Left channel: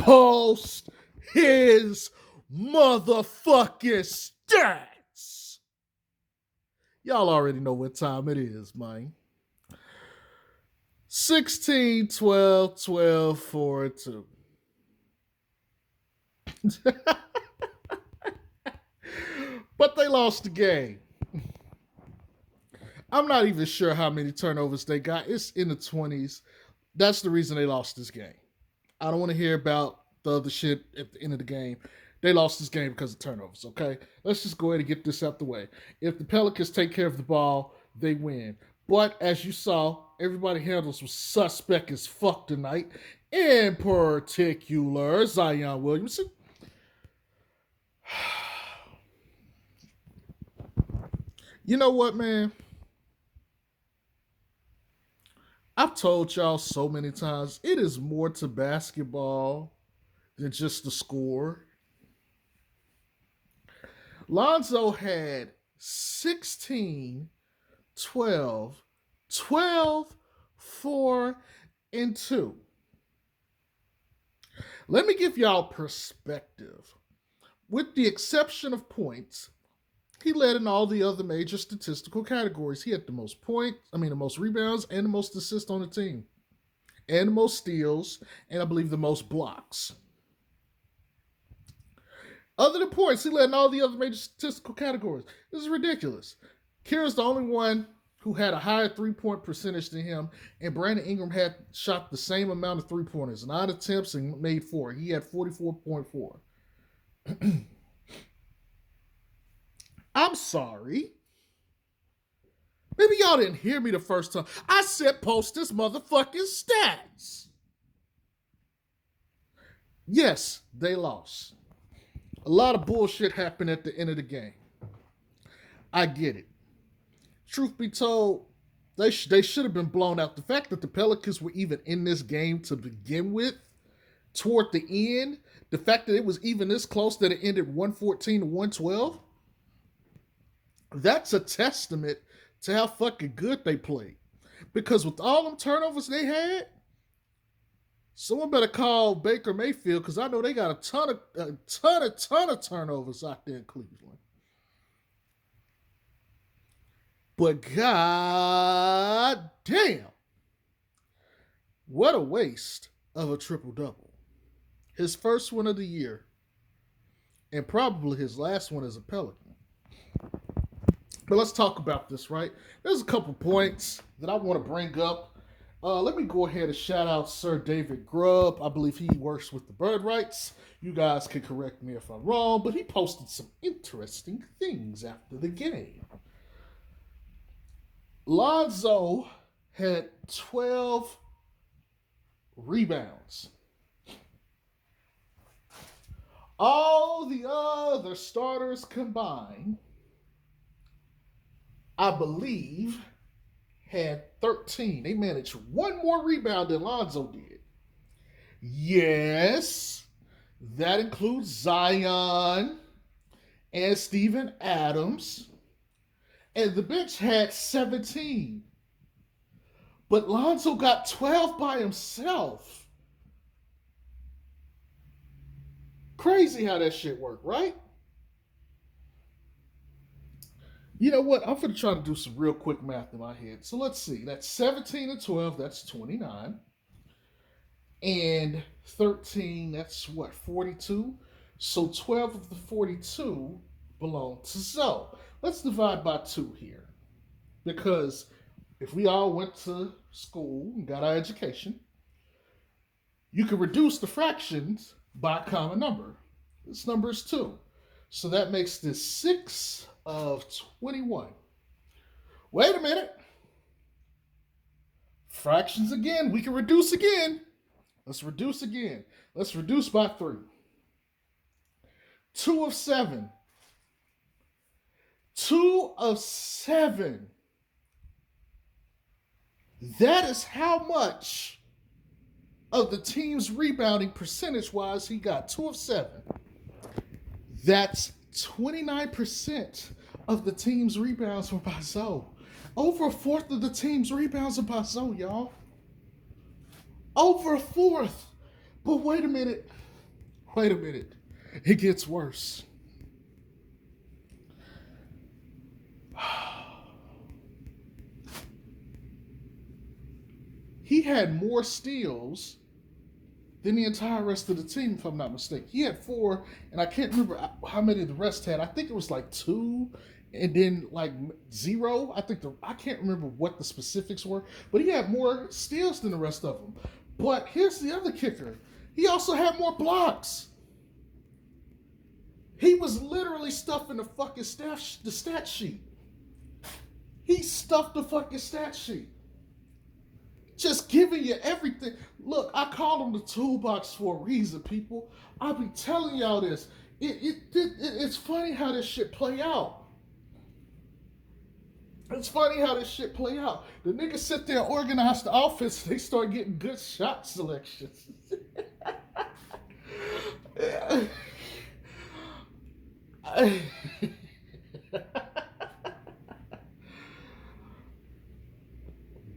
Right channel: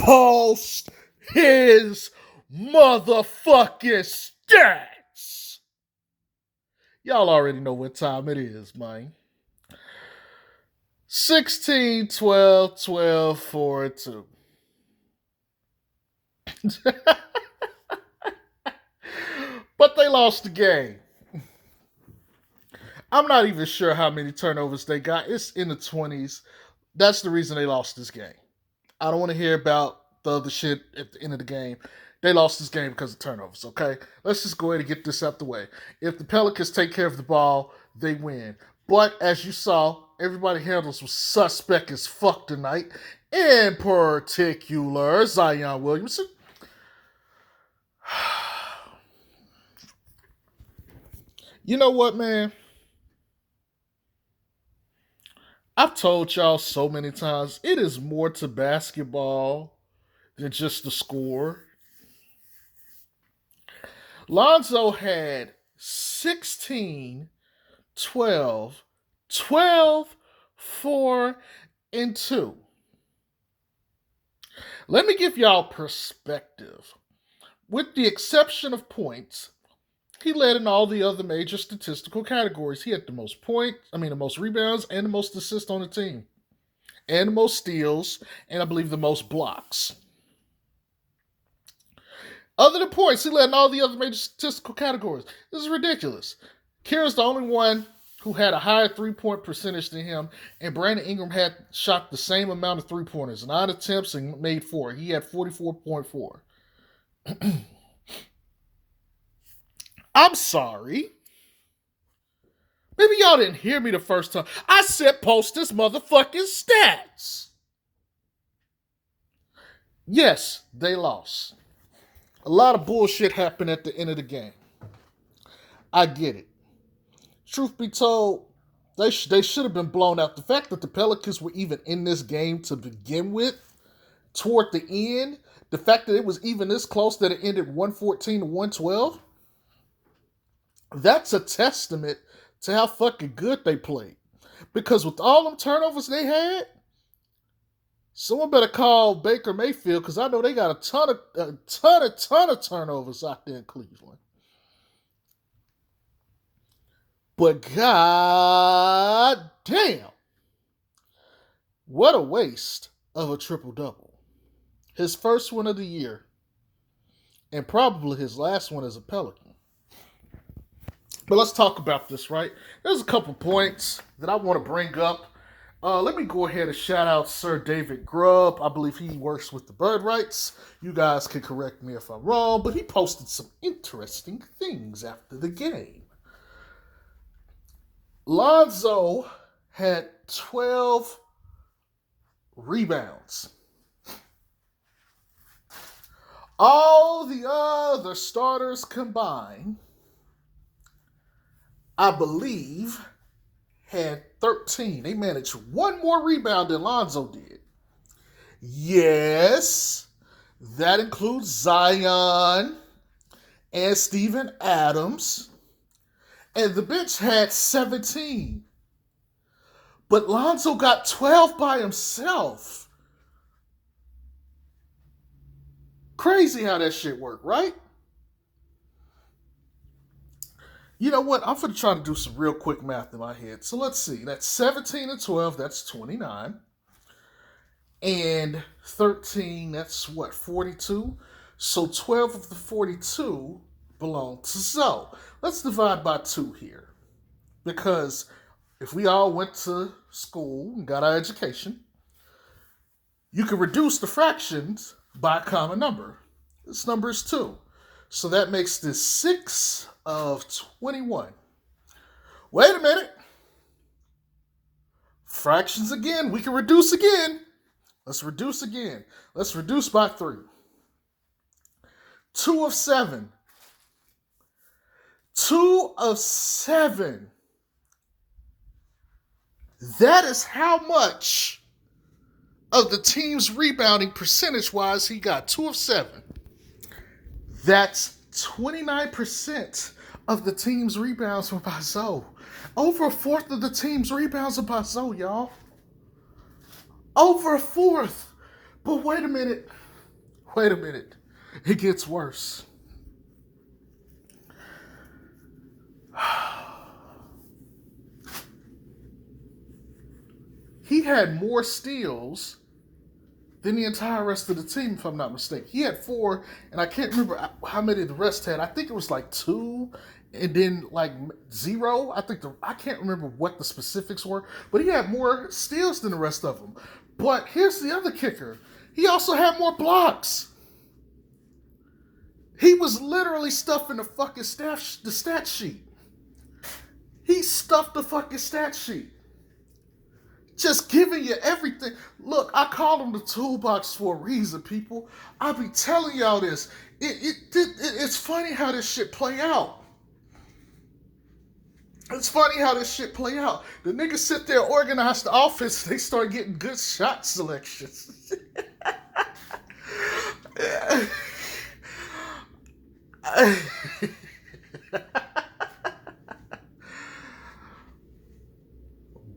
post his motherfucking stats. Y'all already know what time it is, man. 16, 12, 12, 4, 2. But they lost the game. I'm not even sure how many turnovers they got. It's in the 20s. That's the reason they lost this game. I don't want to hear about the other shit at the end of the game. They lost this game because of turnovers, okay? Let's just go ahead and get this out the way. If the Pelicans take care of the ball, they win. But as you saw, everybody handles was suspect as fuck tonight. In particular, Zion Williamson. You know what, man? I've told y'all so many times, it is more to basketball than just the score. Lonzo had 16, 12, 12, 4, and 2. Let me give y'all perspective. With the exception of points, he led in all the other major statistical categories. He had the most the most rebounds and the most assists on the team, and the most steals, and I believe the most blocks. Other than points, he led in all the other major statistical categories. This is ridiculous. Kira's the only one who had a higher 3-point percentage than him, and Brandon Ingram had shot the same amount of 3-pointers, 9 attempts and made 4. He had 44.4. I'm sorry. Maybe y'all didn't hear me the first time. I said post this motherfucking stats. Yes, they lost. A lot of bullshit happened at the end of the game. I get it. Truth be told, they should have been blown out. The fact that the Pelicans were even in this game to begin with, toward the end, the fact that it was even this close that it ended 114 to 112, that's a testament to how fucking good they played. Because with all them turnovers they had, someone better call Baker Mayfield because I know they got a ton of turnovers out there in Cleveland. But god damn, what a waste of a triple-double. His first one of the year, and probably his last one as a Pelican. But let's talk about this, right? There's a couple points that I want to bring up. Let me go ahead and shout out Sir David Grubb. I believe he works with the Bird Rights. You guys can correct me if I'm wrong, but he posted some interesting things after the game. Lonzo had 12 rebounds. All the other starters combined, I believe, had 13. They managed one more rebound than Lonzo did. Yes, that includes Zion and Steven Adams. And the bench had 17. But Lonzo got 12 by himself. Crazy how that shit worked, right? You know what? I'm going to try to do some real quick math in my head. So let's see. That's 17 and 12. That's 29. And 13, that's what, 42? So 12 of the 42 belong to Zoe. Let's divide by 2 here. Because if we all went to school and got our education, you can reduce the fractions by a common number. This number is 2. So that makes this 6 of 21. Wait a minute. Fractions again. We can reduce again. Let's reduce again. Let's reduce by 3. 2 of 7. 2 of 7. That is how much of the team's rebounding percentage-wise he got. 2 of 7. That's 29% of the team's rebounds were by Zoe. Over a fourth of the team's rebounds are by Zoe, y'all. Over a fourth. But wait a minute. Wait a minute. It gets worse. He had more steals than the entire rest of the team, if I'm not mistaken. He had 4, and I can't remember how many the rest had. I think it was like 2, and then like 0. I can't remember what the specifics were, but he had more steals than the rest of them. But here's the other kicker: he also had more blocks. He was literally stuffing the fucking stat sheet. He stuffed the fucking stat sheet. Just giving you everything. Look, I call him the toolbox for a reason, people. I'll be telling y'all this. It's funny how this shit play out. It's funny how this shit play out. The niggas sit there, organize the offense, they start getting good shot selections.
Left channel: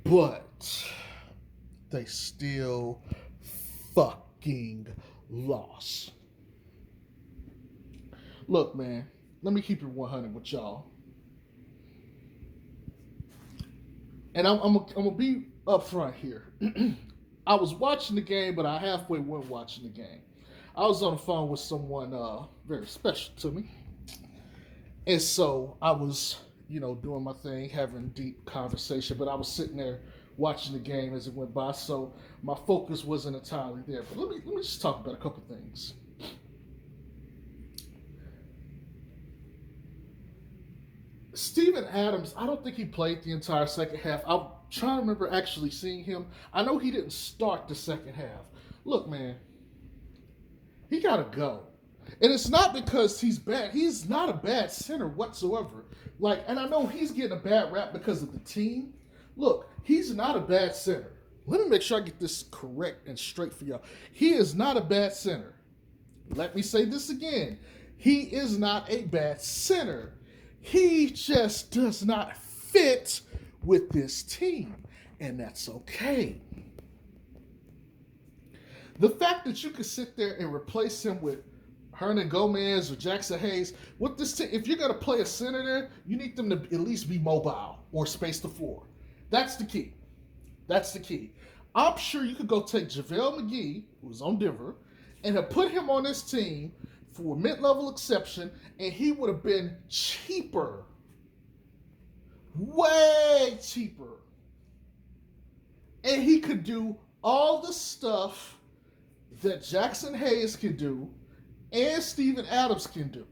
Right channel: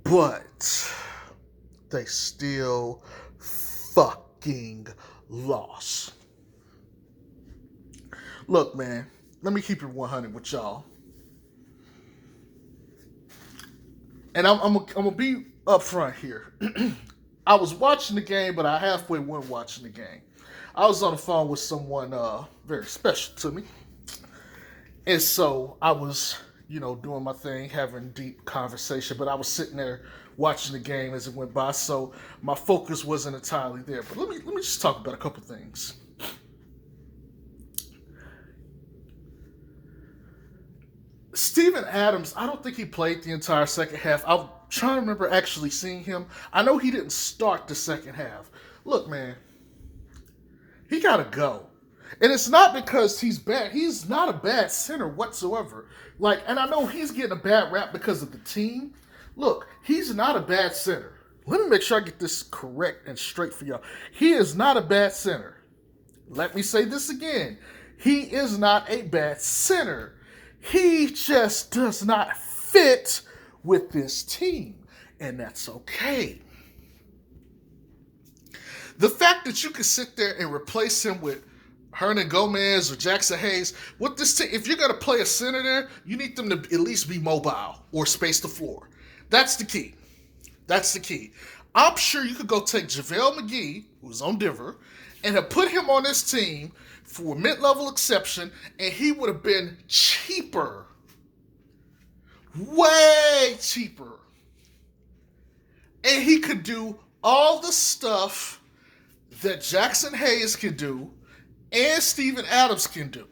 But they still fucking lost. Look, man, let me keep it 100 with y'all. And I'm gonna be upfront here. I was watching the game, but I halfway wasn't watching the game. I was on the phone with someone very special to me. And so I was, doing my thing, having deep conversation, but I was sitting there watching the game as it went by, so my focus wasn't entirely there. But let me just talk about a couple things. Steven Adams, I don't think he played the entire second half. I'm trying to remember actually seeing him. I know he didn't start the second half. Look, man, he gotta go. And it's not because he's bad. He's not a bad center whatsoever. And I know he's getting a bad rap because of the team. Look, he's not a bad center. Let me make sure I get this correct and straight for y'all. He is not a bad center. Let me say this again. He is not a bad center. He just does not fit with this team. And that's okay. The fact that you can sit there and replace him with Hernan Gomez or Jackson Hayes, with this team, if you're going to play a center there, you need them to at least be mobile or space the floor. That's the key. That's the key. I'm sure you could go take JaVale McGee, who's on Denver, and have put him on this team for a mid-level exception, and he would have been cheaper. Way cheaper. And he could do all the stuff that Jackson Hayes can do and Steven Adams can do.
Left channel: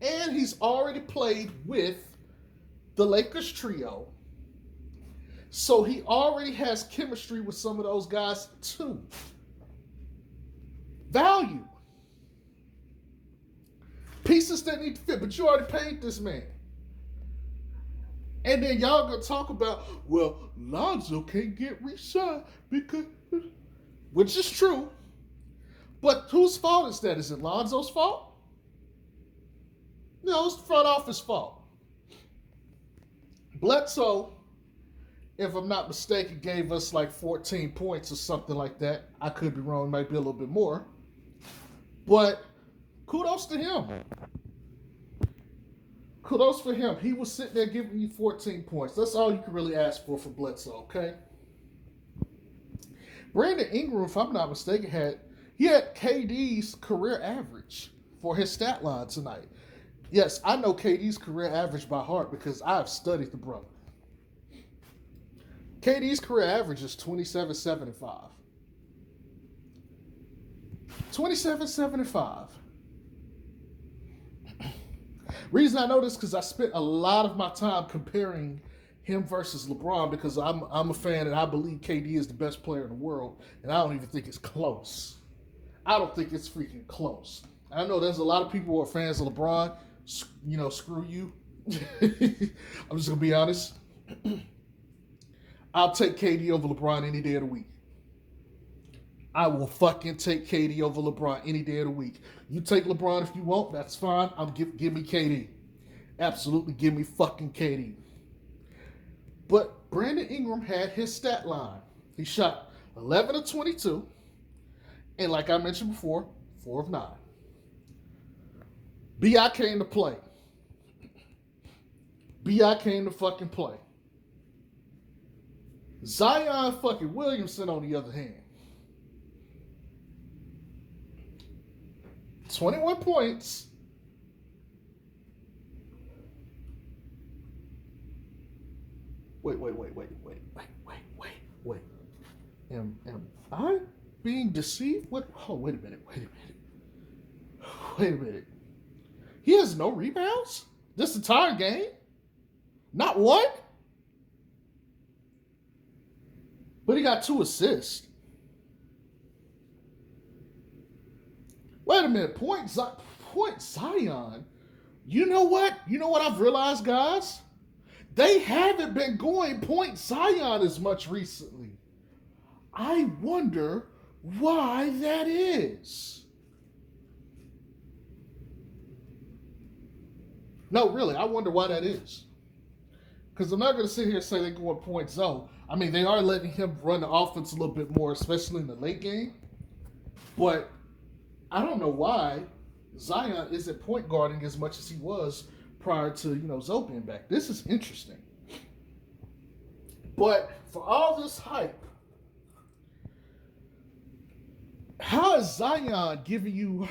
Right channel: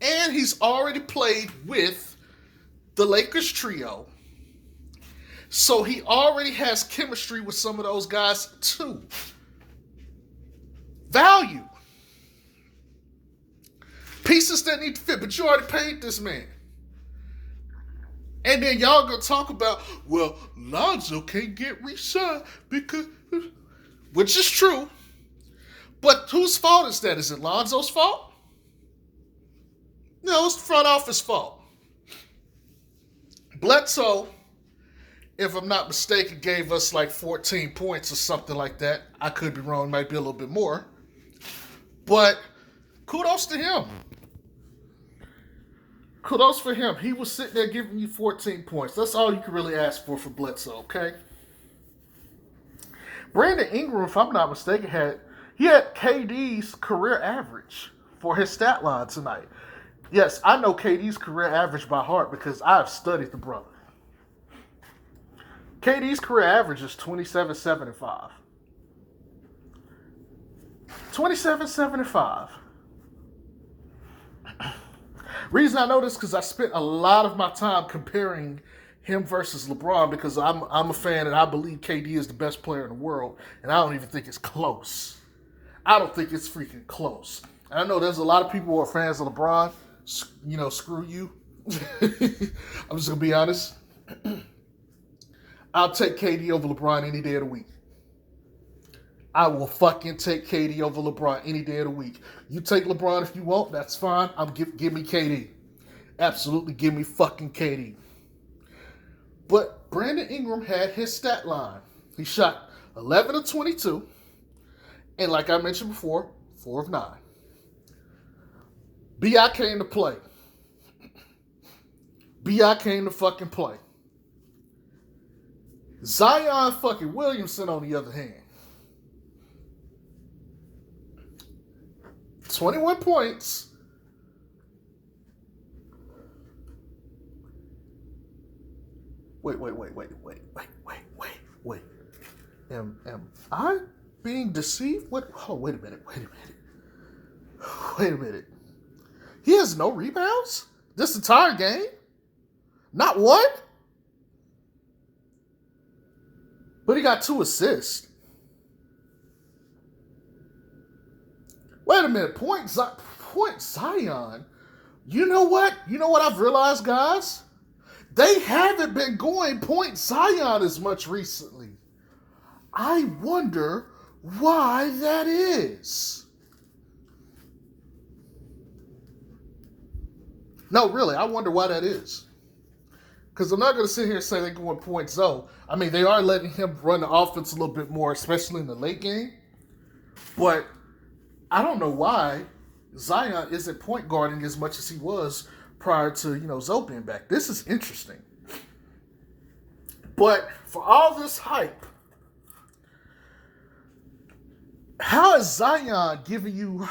And he's already played with the Lakers trio. So he already has chemistry with some of those guys too. Value. Pieces that need to fit, but you already paid this man. And then y'all gonna talk about, well, Lonzo can't get re-signed because, which is true. But whose fault is that? Is it Lonzo's fault? No, it's the front office fault. Bledsoe, if I'm not mistaken, gave us like 14 points or something like that. I could be wrong, might be a little bit more. But kudos to him. Kudos for him. He was sitting there giving you 14 points. That's all you can really ask for Bledsoe, okay? Brandon Ingram, if I'm not mistaken, had KD's career average for his stat line tonight. Yes, I know KD's career average by heart because I've studied the brother. KD's career average is 27, 7, and 5. 27, 7, and 5. Reason I know this because I spent a lot of my time comparing him versus LeBron because I'm a fan and I believe KD is the best player in the world, and I don't even think it's close. I don't think it's freaking close. And I know there's a lot of people who are fans of LeBron. Screw you. I'm just going to be honest. I'll take KD over LeBron any day of the week. I will fucking take KD over LeBron any day of the week. You take LeBron if you want, that's fine. Give me KD. Absolutely give me fucking KD. But Brandon Ingram had his stat line. He shot 11 of 22. And like I mentioned before, 4 of 9. B.I. came to play. B.I. came to fucking play. Zion fucking Williamson, on the other hand, 21 points. Wait. Am I being deceived? What? Oh, wait a minute. He has no rebounds this entire game? Not one? But he got 2 assists. Wait a minute. Point Zion. You know what? You know what I've realized, guys? They haven't been going point Zion as much recently. I wonder why that is. No, really, I wonder why that is. Because I'm not going to sit here and say they're going point zone. I mean, they are letting him run the offense a little bit more, especially in the late game. But I don't know why Zion isn't point guarding as much as he was prior to, Zoe being back. This is interesting. But for all this hype, how is Zion giving you...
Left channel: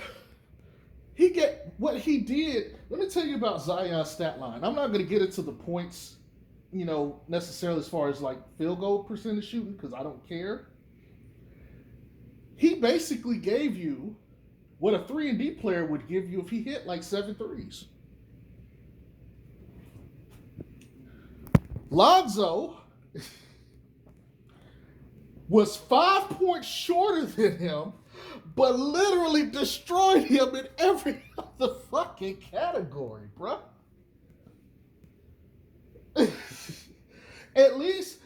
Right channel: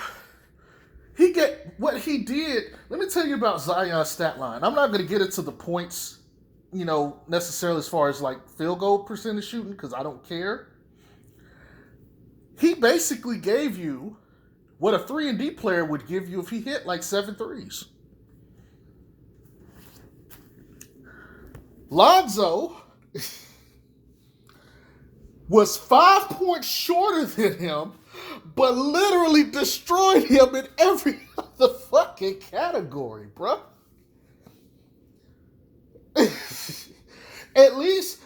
He get what he did. Let me tell you about Zion's stat line. I'm not going to get into the points, necessarily as far as like field goal percentage shooting, because I don't care. He basically gave you what a 3-and-D player would give you if he hit like 7 threes. Lonzo was 5 points shorter than him, but literally destroyed him in every other fucking category, bro. At least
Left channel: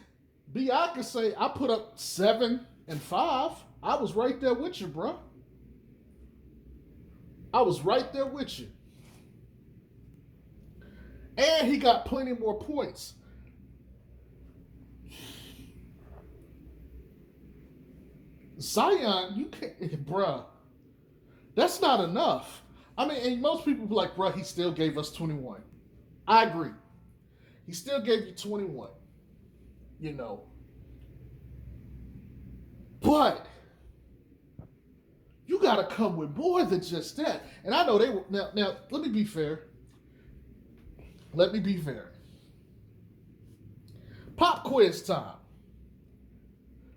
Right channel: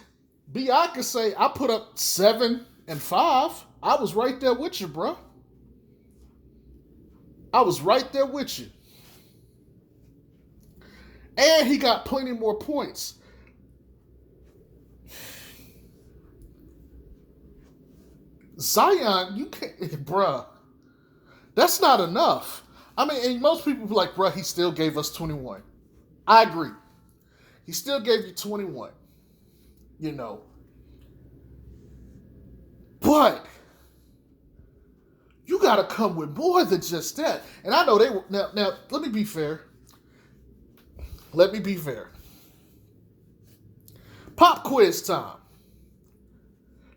B.I. could say, I put up 7 and 5. I was right there with you, bro. I was right there with you. And he got plenty more points. Zion, you can't, bruh. That's not enough. I mean, and most people be like, bruh, he still gave us 21. I agree. He still gave you 21. But you got to come with more than just that. And I know they were, now, let me be fair. Pop quiz time.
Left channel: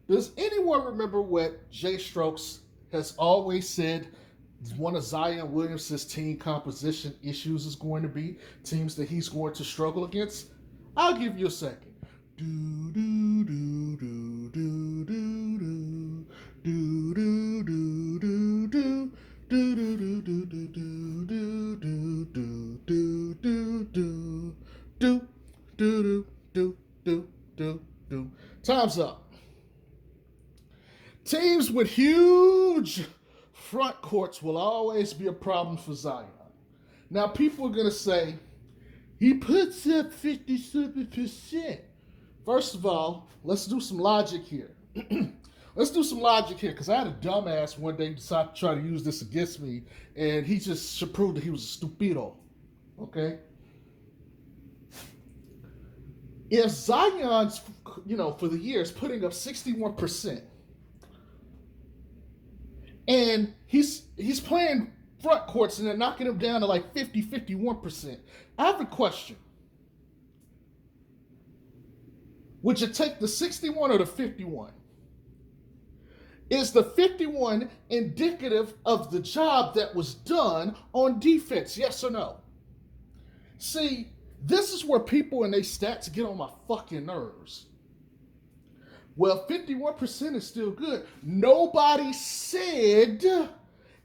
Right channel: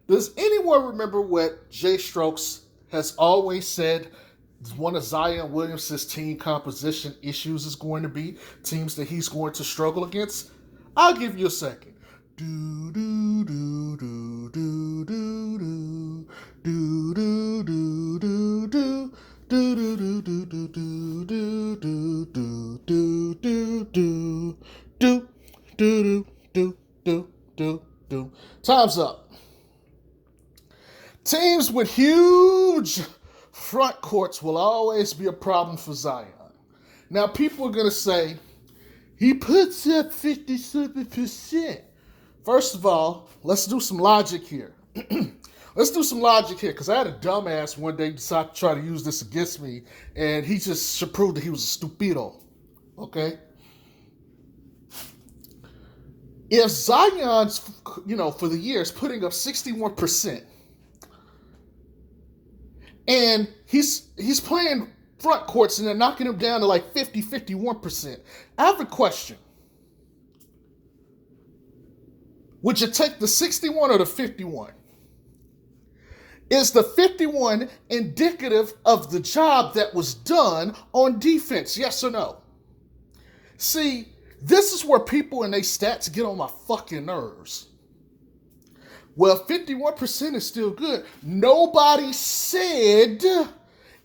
Does anyone remember what Jay Strokes has always said one of Zion Williamson's team composition issues is going to be? Teams that he's going to struggle against? I'll give you a second. Do do do do do do do do do do do do do do do do do do. Time's up. Teams with huge front courts will always be a problem for Zion. Now, people are going to say, he puts up 57%. First of all, let's do some logic here. Because I had a dumbass one day decide to try to use this against me, and he just should prove that he was a stupido. Okay? If Zion's, for the year is putting up 61%, and he's playing front courts and they're knocking him down to like 51%. I have a question. Would you take the 61 or the 51? Is the 51 indicative of the job that was done on defense? Yes or no? See, this is where people and their stats get on my fucking nerves. Well, 51% is still good. Nobody said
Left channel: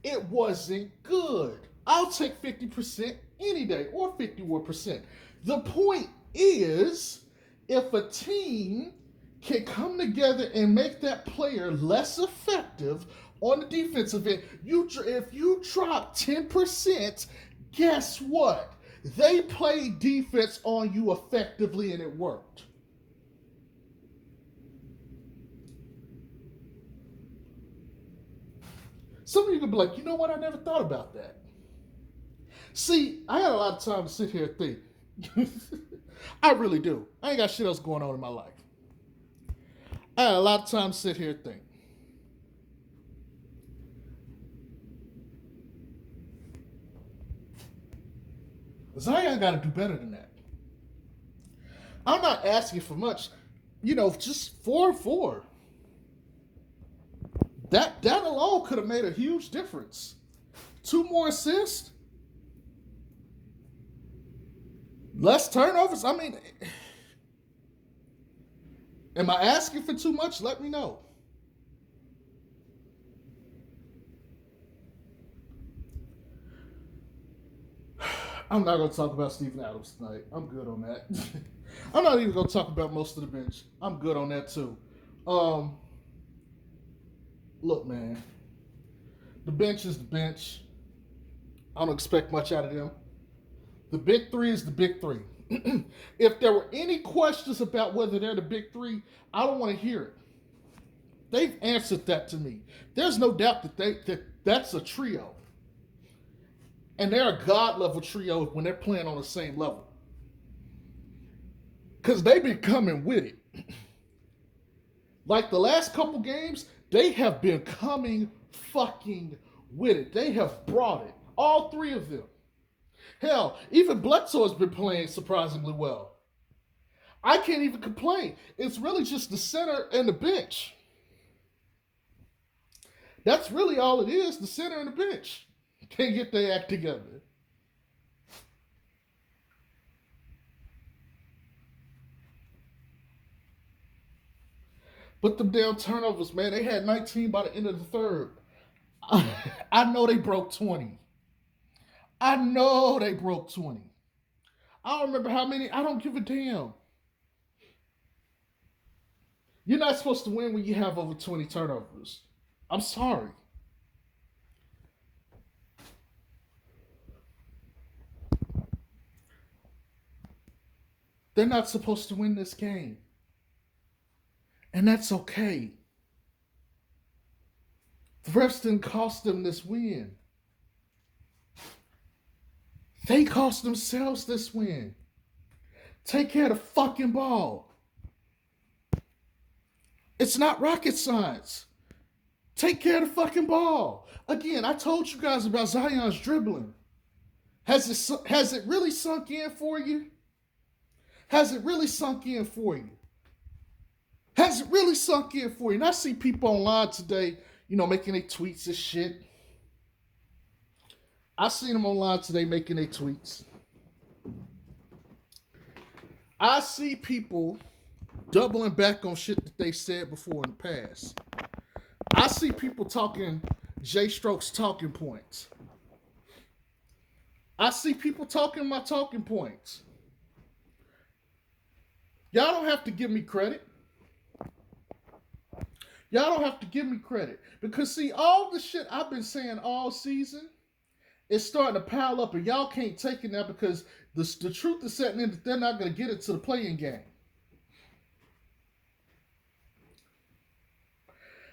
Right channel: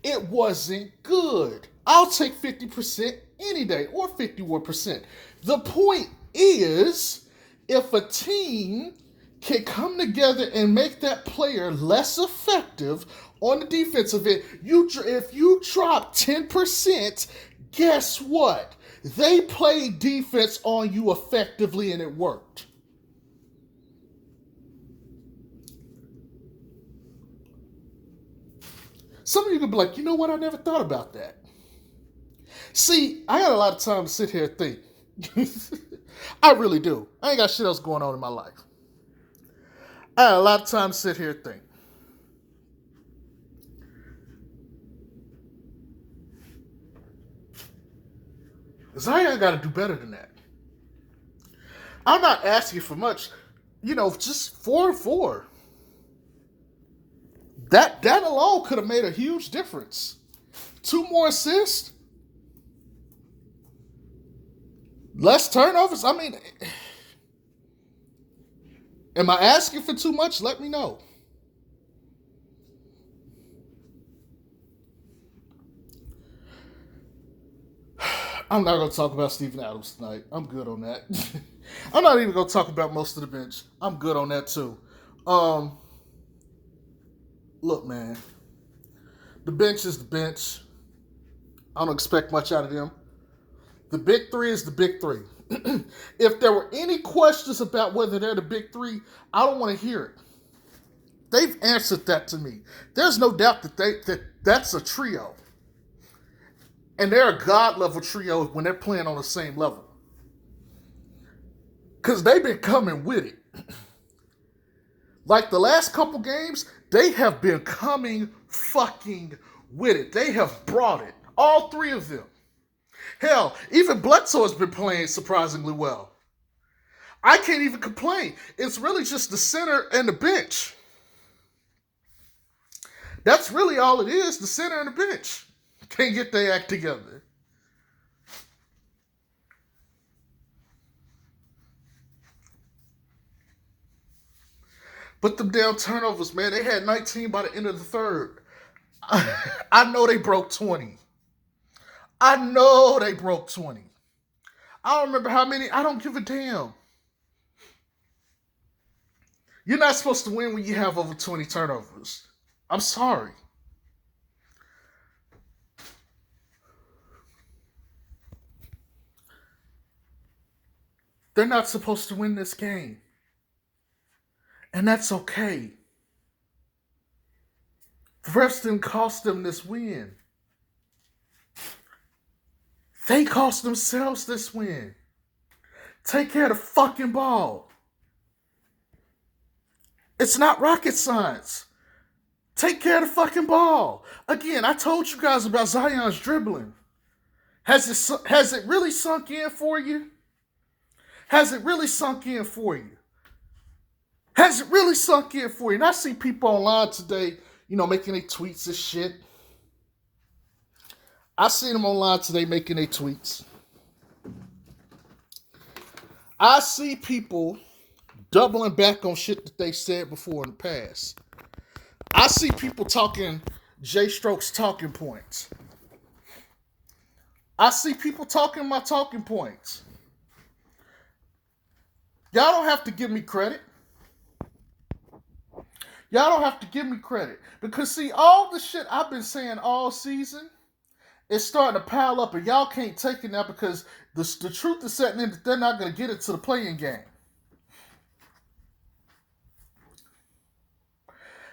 it wasn't good. I'll take 50% any day, or 51%. The point is, if a team can come together and make that player less effective on the defensive end, if you drop 10%, guess what? They played defense on you effectively and it worked. Some of you could be like, you know what? I never thought about that. See, I got a lot of time to sit here and think. I really do. I ain't got shit else going on in my life. I had a lot of time to sit here and think. Zion got to do better than that. I'm not asking for much. Just 4-4. That alone could have made a huge difference. 2 more assists. Less turnovers. I mean, am I asking for too much? Let me know. I'm not going to talk about Steven Adams tonight. I'm good on that. I'm not even going to talk about most of the bench. I'm good on that too. Look, man. The bench is the bench. I don't expect much out of them. The big three is the big three. If there were any questions about whether they're the big three, I don't want to hear it. They've answered that to me. There's no doubt that that's a trio. And they're a God level trio when they're playing on the same level. Because they've been coming with it. Like the last couple games, they have been coming fucking with it. They have brought it. All 3 of them. Hell, even Bledsoe has been playing surprisingly well. I can't even complain. It's really just the center and the bench. That's really all it is, the center and the bench. Can't get their act together. But them damn turnovers, man, they had 19 by the end of the third. I know they broke 20. I know they broke 20. I don't remember how many. I don't give a damn. You're not supposed to win when you have over 20 turnovers. I'm sorry. They're not supposed to win this game. And that's okay. The refs didn't cost them this win. They cost themselves this win. Take care of the fucking ball. It's not rocket science. Take care of the fucking ball. Again, I told you guys about Zion's dribbling. Has it really sunk in for you? Has it really sunk in for you? Has it really sunk in for you? And I see people online today, making their tweets and shit. I seen them online today making their tweets. I see people doubling back on shit that they said before in the past. I see people talking J-Stroke's talking points. I see people talking my talking points. Y'all don't have to give me credit. Y'all don't have to give me credit. Because, see, all the shit I've been saying all season is starting to pile up, and y'all can't take it now because the truth is setting in that they're not going to get it to the playing game.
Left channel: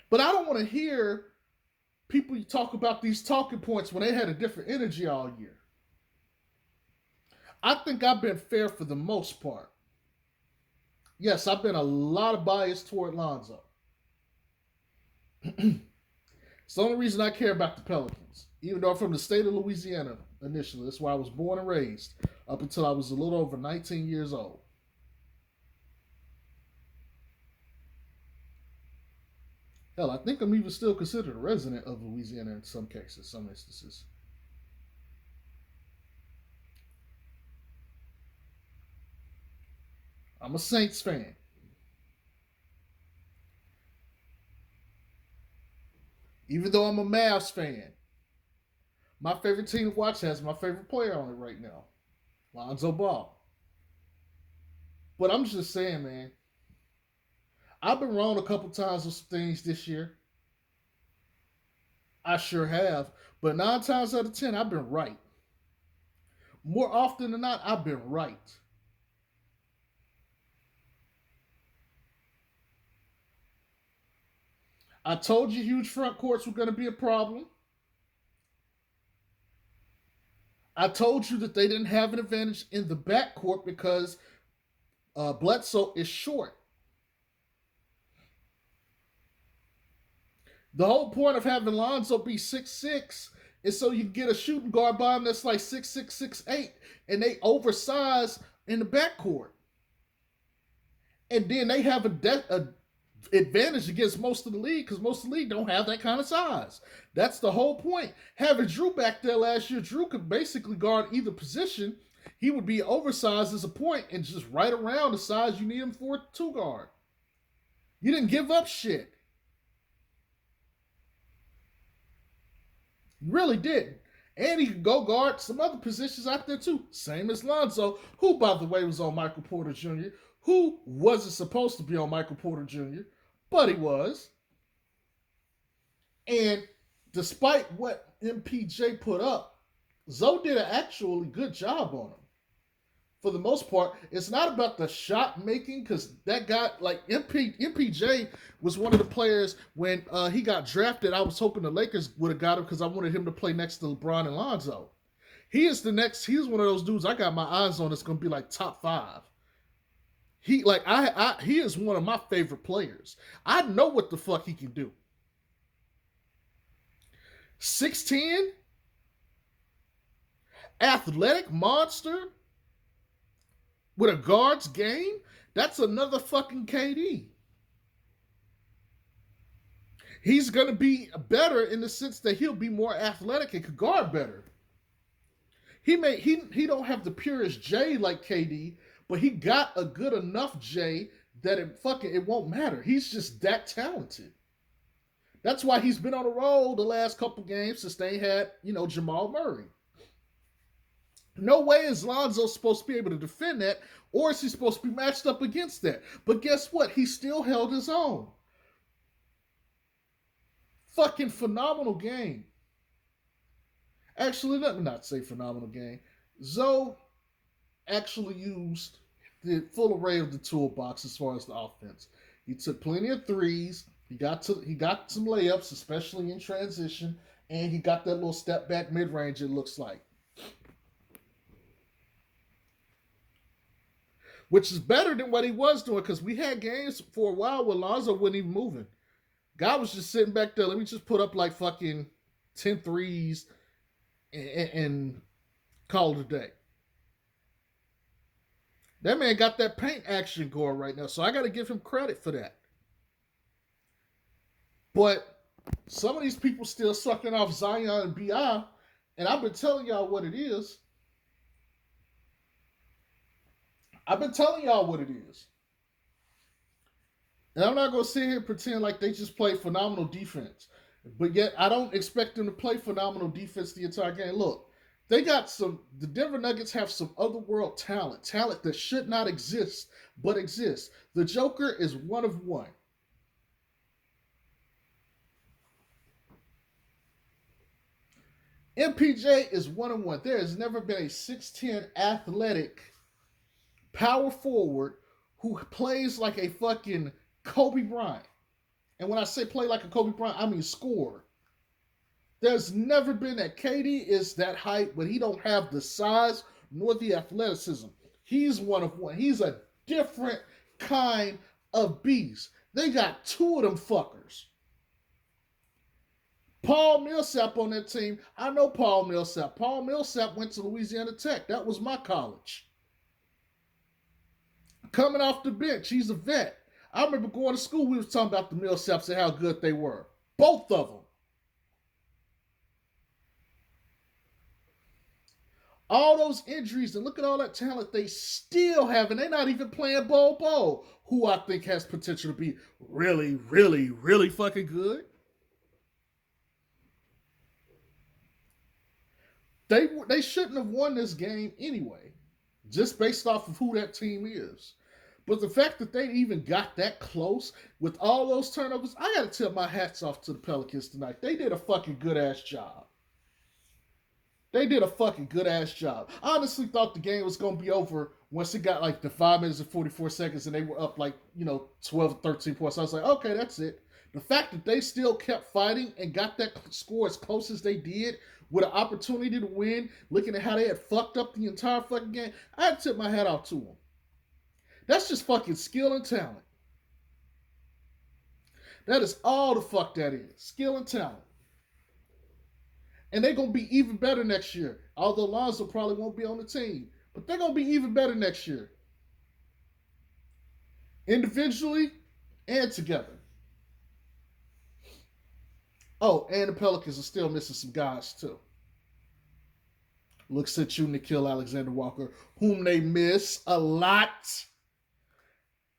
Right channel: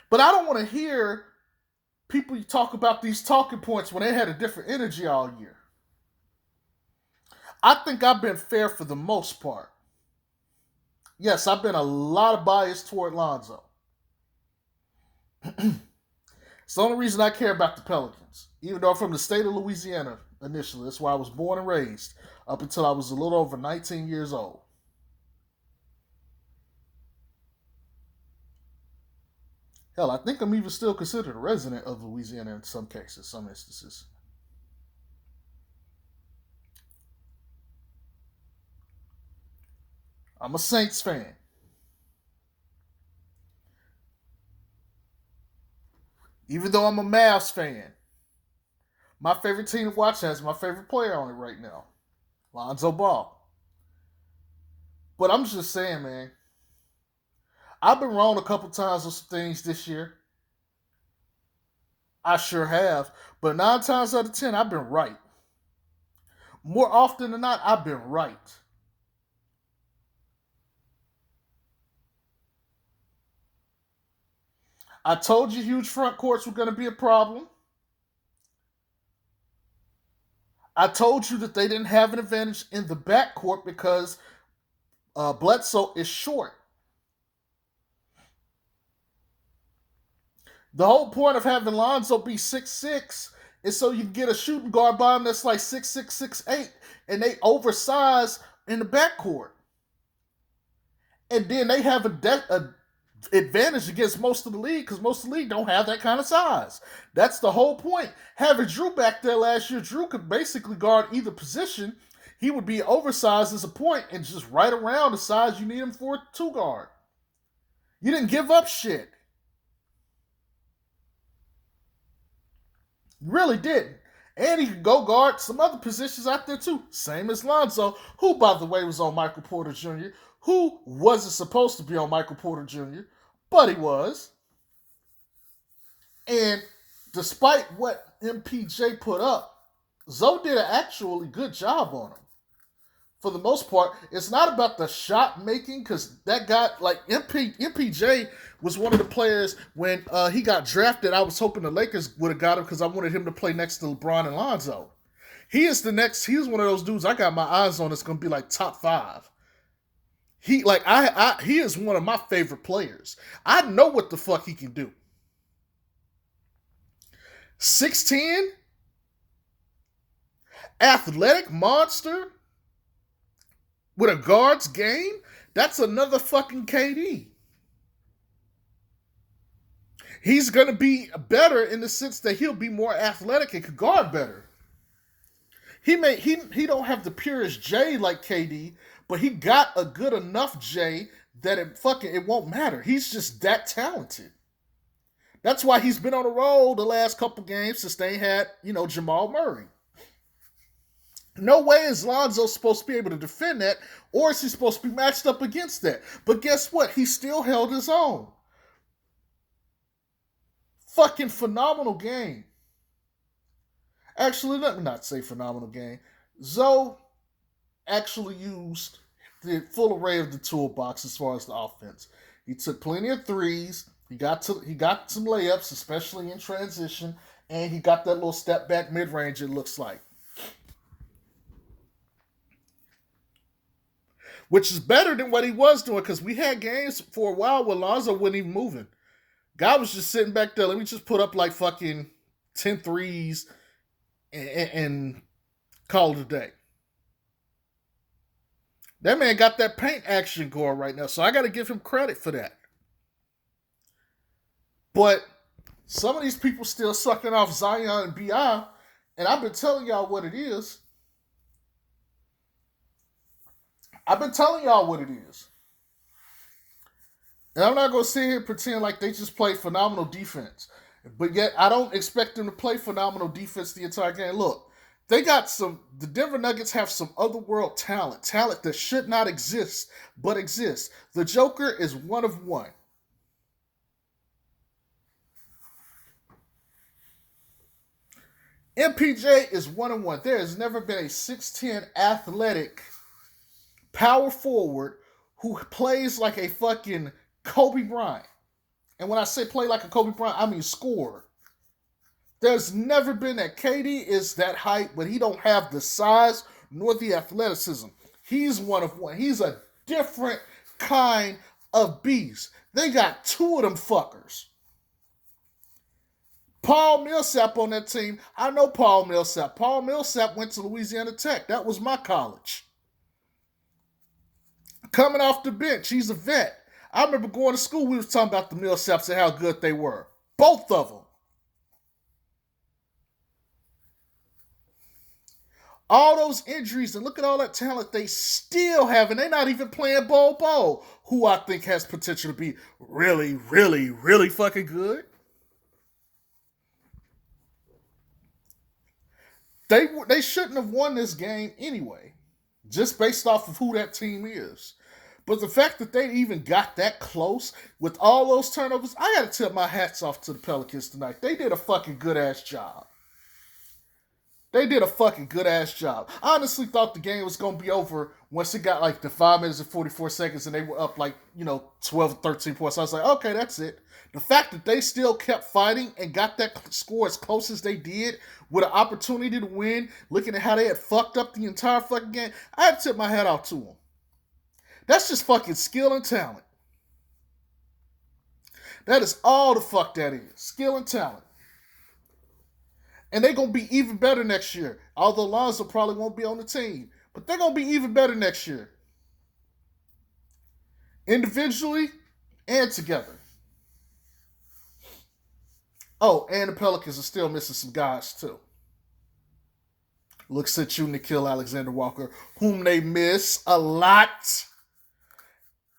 But I don't want to hear people talk about these talking points when they had a different energy all year. I think I've been fair for the most part. Yes, I've been a lot of bias toward Lonzo. It's the only reason I care about the Pelicans. Even though I'm from the state of Louisiana initially. That's where I was born and raised up until I was a little over 19 years old. Hell, I think I'm even still considered a resident of Louisiana in some cases, some instances. I'm a Saints fan. Even though I'm a Mavs fan, my favorite team to watch has my favorite player on it right now, Lonzo Ball. But I'm just saying, man, I've been wrong a couple times on some things this year. I sure have. But 9 times out of 10, I've been right. More often than not, I've been right. I told you huge front courts were going to be a problem. I told you that they didn't have an advantage in the backcourt because Bledsoe is short. The whole point of having Lonzo be 6'6" is so you can get a shooting guard by him that's like 6'6", 6'8", and they oversize in the backcourt. And then they have a advantage against most of the league because most of the league don't have that kind of size. That's the whole point. Having Drew back there last year, Drew could basically guard either position. He would be oversized as a point and just right around the size you need him for a two guard. You didn't give up shit. You really didn't. And he could go guard some other positions out there too. Same as Lonzo, who, by the way, was on Michael Porter Jr., who wasn't supposed to be on Michael Porter Jr., but he was. And despite what MPJ put up, Zoe did an actually good job on him. For the most part, it's not about the shot making because that guy, like MPJ, was one of the players when he got drafted. I was hoping the Lakers would have got him because I wanted him to play next to LeBron and Lonzo. He's one of those dudes I got my eyes on that's going to be like top 5. He is one of my favorite players. I know what the fuck he can do. 6'10", athletic monster with a guard's game. That's another fucking KD. He's going to be better in the sense that he'll be more athletic and could guard better. He don't have the purest J like KD, but he got a good enough J that it won't matter. He's just that talented. That's why he's been on a roll the last couple games since they had, Jamal Murray. No way is Lonzo supposed to be able to defend that, or is he supposed to be matched up against that? But guess what? He still held his own. Fucking phenomenal game. Actually, let me not say phenomenal game. Zoe actually used the full array of the toolbox as far as the offense. He took plenty of threes. He got some layups, especially in transition, and he got that little step back mid range. It looks like, which is better than what he was doing because we had games for a while where Lonzo wasn't even moving. Guy was just sitting back there. Let me just put up like fucking 10 threes and call it a day. That man got that paint action going right now, so I got to give him credit for that. But some of these people still sucking off Zion and B.I., and I've been telling y'all what it is. And I'm not going to sit here and pretend like they just play phenomenal defense. But yet, I don't expect them to play phenomenal defense the entire game. Look, the Denver Nuggets have some otherworld talent that should not exist, but exists. The Joker is one of one. MPJ is one of one. There has never been a 6'10" athletic power forward who plays like a fucking Kobe Bryant. And when I say play like a Kobe Bryant, I mean score. There's never been that. KD is that height, but he don't have the size nor the athleticism. He's one of one. He's a different kind of beast. They got two of them fuckers. Paul Millsap on that team. I know Paul Millsap. Paul Millsap went to Louisiana Tech. That was my college. Coming off the bench, he's a vet. I remember going to school, we was talking about the Millsaps and how good they were. Both of them. All those injuries, and look at all that talent they still have, and they're not even playing Bol, who I think has potential to be really, really, really fucking good. They shouldn't have won this game anyway, just based off of who that team is. But the fact that they even got that close with all those turnovers, I got to tip my hats off to the Pelicans tonight. They did a fucking good-ass job. I honestly thought the game was going to be over once it got like the 5 minutes and 44 seconds and they were up like, 12 or 13 points. I was like, okay, that's it. The fact that they still kept fighting and got that score as close as they did with an opportunity to win, looking at how they had fucked up the entire fucking game, I had to tip my hat off to them. That's just fucking skill and talent. That is all the fuck that is. Skill and talent. And they're going to be even better next year. Although Lonzo probably won't be on the team. But they're going to be even better next year. Individually and together. Oh, and the Pelicans are still missing some guys too. Looks at you, Nickeil Alexander-Walker, whom they miss a lot.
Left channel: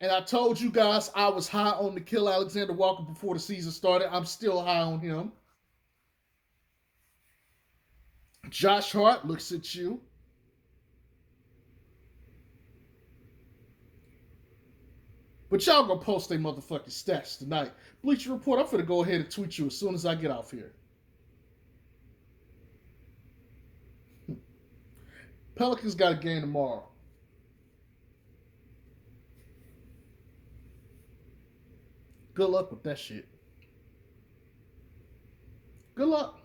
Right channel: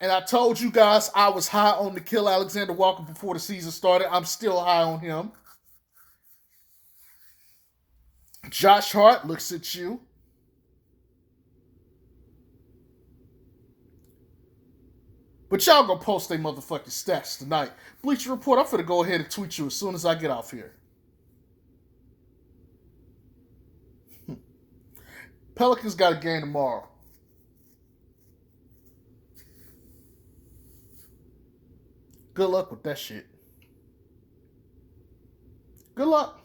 And I told you guys I was high on Nickeil Alexander-Walker before the season started. I'm still high on him. Josh Hart looks at you. But y'all gonna post their motherfucking stats tonight. Bleacher Report, I'm finna go ahead and tweet you as soon as I get off here. Pelicans got a game tomorrow. Good luck with that shit. Good luck.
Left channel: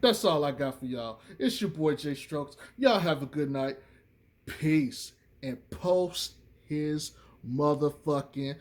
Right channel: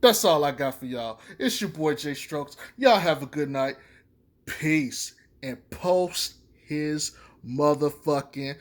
That's all I got for y'all. It's your boy Jay Strokes. Y'all have a good night. Peace. And post his motherfucking